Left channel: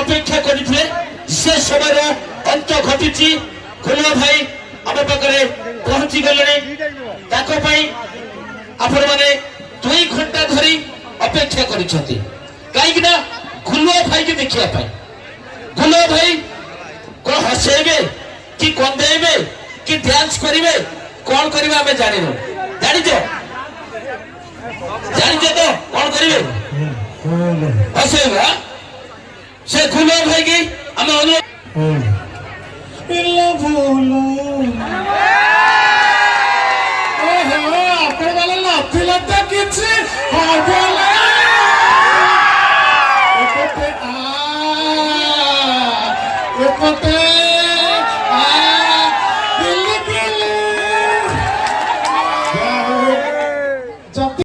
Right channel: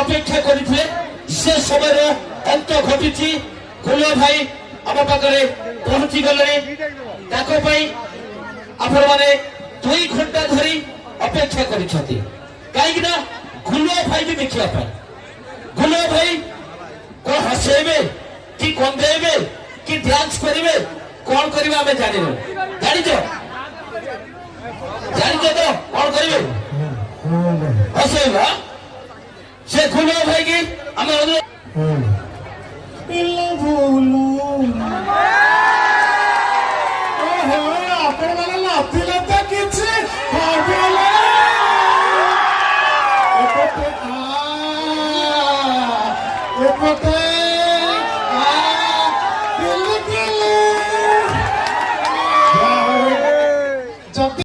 अपेक्षा करते से समय अंत घटी गुलुआ भाई आम पाखे पहुंची गले आपण मैंने 2 घंटा धरी अपेक्षा कहीं गुलुआ भाई की देखा गुलुआ भाई कौन हसेबे कि कंदेबे कि डांस करेंगे कौन करेंगे आम जानू जानिच तो कौन करेंगे हसेबा से गुलुआ भाई की आम What